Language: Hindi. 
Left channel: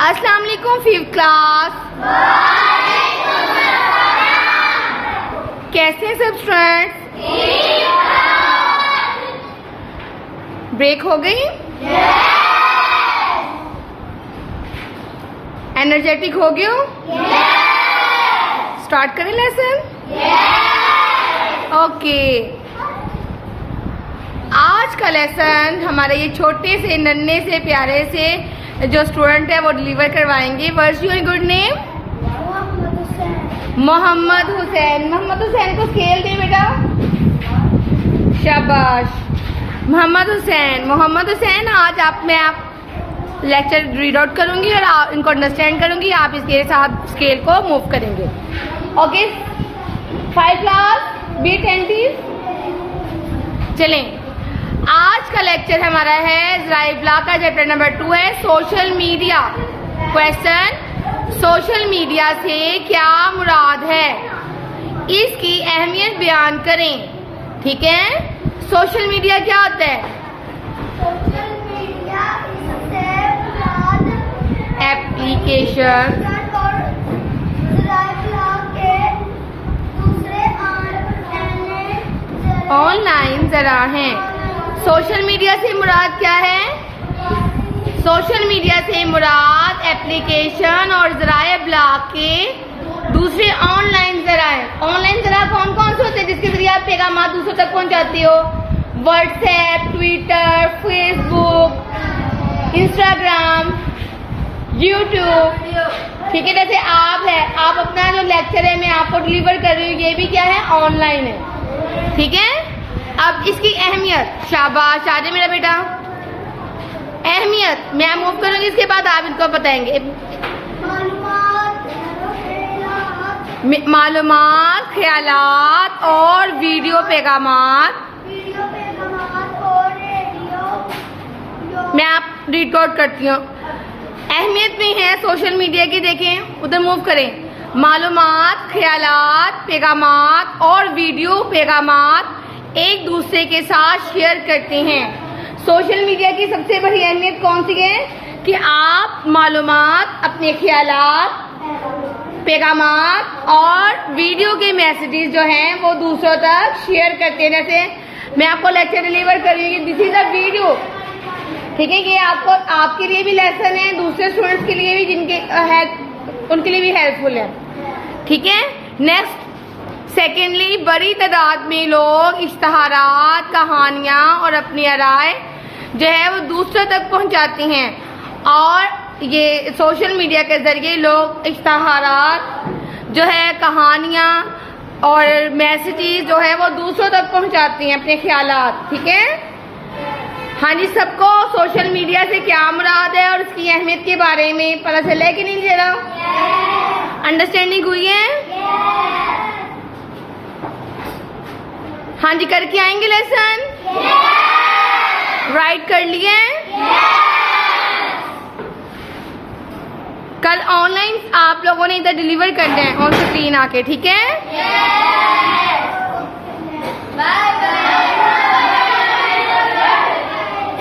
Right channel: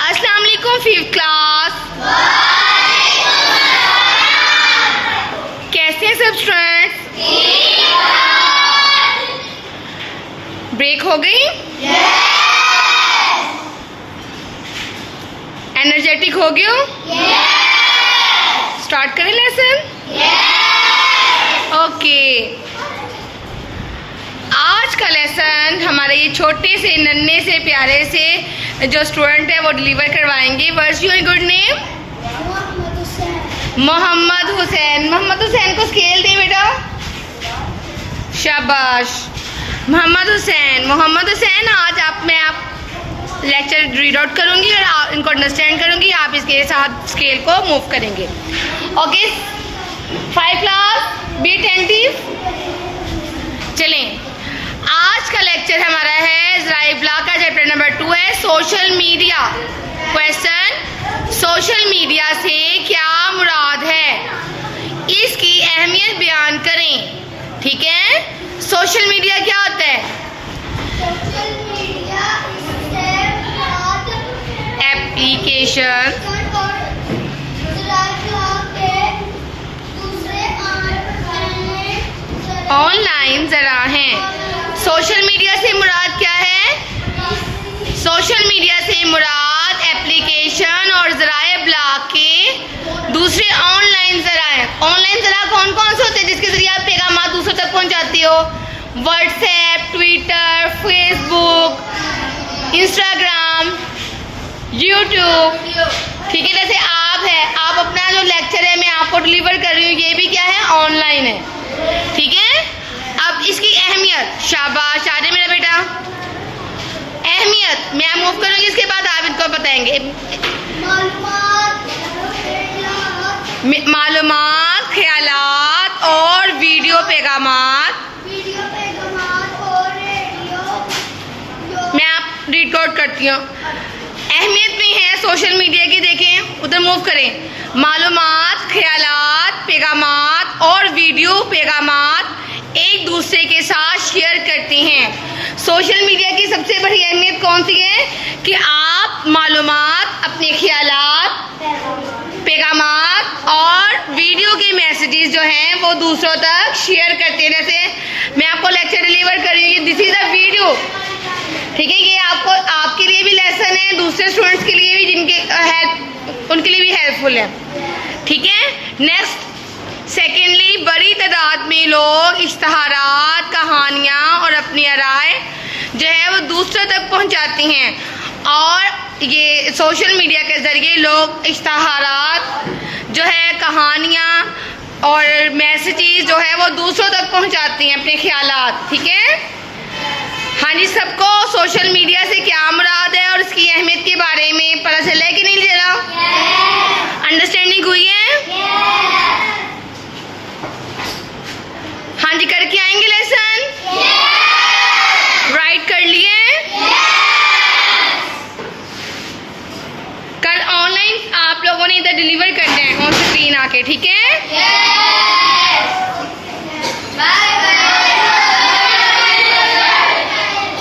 अस्सलाम वालेकुम फिफ्थ क्लास। कैसे हैं सब स्टूडेंट्स? ब्रेक हो गई? एनर्जेटिक हो गए हो? स्टार्ट करें लेसन? ओके। आज का लेसन हमारे ये छोटे से नन्हे से प्यारे से जो स्टूडेंट है वो डिलीवर करवाएंगे। What's your good name? Mohammad Hussain. Mohammad Hussain को स्केल दे बेटा। शाबाश मोहम्मद हुसैन। मोहम्मद हुसैन, आज आप लेक्चर रीड आउट करूंगी और आप इनको अंडरस्टैंड करूंगी। आप इसके साथ स्केल को मूव करेंगे। Okay 5 class be attentive. चलें, आज का लेक्चर हमारा है ज़राए इब्लाग का चैप्टर नंबर 2 है social media. Question, social media से क्या मुराद है, इसकी अहमियत बयान करें। ठीक है, सोशल मीडिया क्या होता है? सोशल मीडिया इससे मुराद एप्लीकेशन ऑनलाइन ज़रा हैं। सोशल मीडिया से मुराद क्या है? सोशल मीडिया से मुराद एप्लीकेशन और ज़राए इब्लाग के दूसरे ऑनलाइन ज़राए। ऑनलाइन ज़रा कौन कौन से होते हैं जिसके ज़रिए आप पैगाम दूसरों तक पहुंचाते हो? WhatsApp, Twitter, Facebook, Instagram, YouTube. ठीक है, जैसे आप अपना जो लेक्चर है मैं आपको डिलीवर कर रही हूँ, ये भी क्या है? ऑनलाइन है। ठीक है, अब इसकी अहमियत। शाबाश आ जाए मेरा बेटा। अहमियत मैं मूव करूँगी, इसके बाद आप इनको बताएंगे। मालूमात, ख्यालात और वीडियो पैगामात। और रेडियो। मैं आप रीड आउट करती हूँ। अहमियत में है सोशल मीडिया की, देखें उधर मूव करें। मालूमात, ख्यालात, पैगामात और वीडियो पैगामात एक दूसरे के साथ शेयर करते हैं। सोशल मीडिया की सबसे बड़ी अहमियत कौन सी है? कि आप मालूमात, अपने ख्यालात, पैगामात और वीडियो के मैसेजेस जो हैं वो दूसरों तक शेयर करते हैं। जैसे मैं आपको लेक्चर डिलीवर कर रही हूँ, दिस इज़ अ वीडियो। ठीक है, ये आपके लिए भी लेसन है, दूसरे स्टूडेंट्स के लिए भी जिनके उनके लिए भी हेल्पफुल है। ठीक है, नेक्स्ट सेकेंडली, बड़ी तादाद में लोग इश्तहारात, कहानियाँ और अपनी राय जो है वो दूसरों तक पहुँचाते हैं। और ये सोशल मीडिया के ज़रिए लोग इश्तहारात जो है, कहानियाँ और मैसेजेस जो है वो दूसरों तक पहुँचाते हैं, अपने ख्यालात। ठीक है, हाँ जी, सबको सोशल मीडिया से क्या मुराद है और उसकी अहमियत के बारे में पता चला है कि नहीं चला? अंडरस्टैंडिंग हुई है? हाँ जी, करके आएंगे लेसन? राइट कर लिए? कल ऑनलाइन आप लोगों ने इधर डिलीवर करना है ऑन स्क्रीन आके। ठीक है, बाय।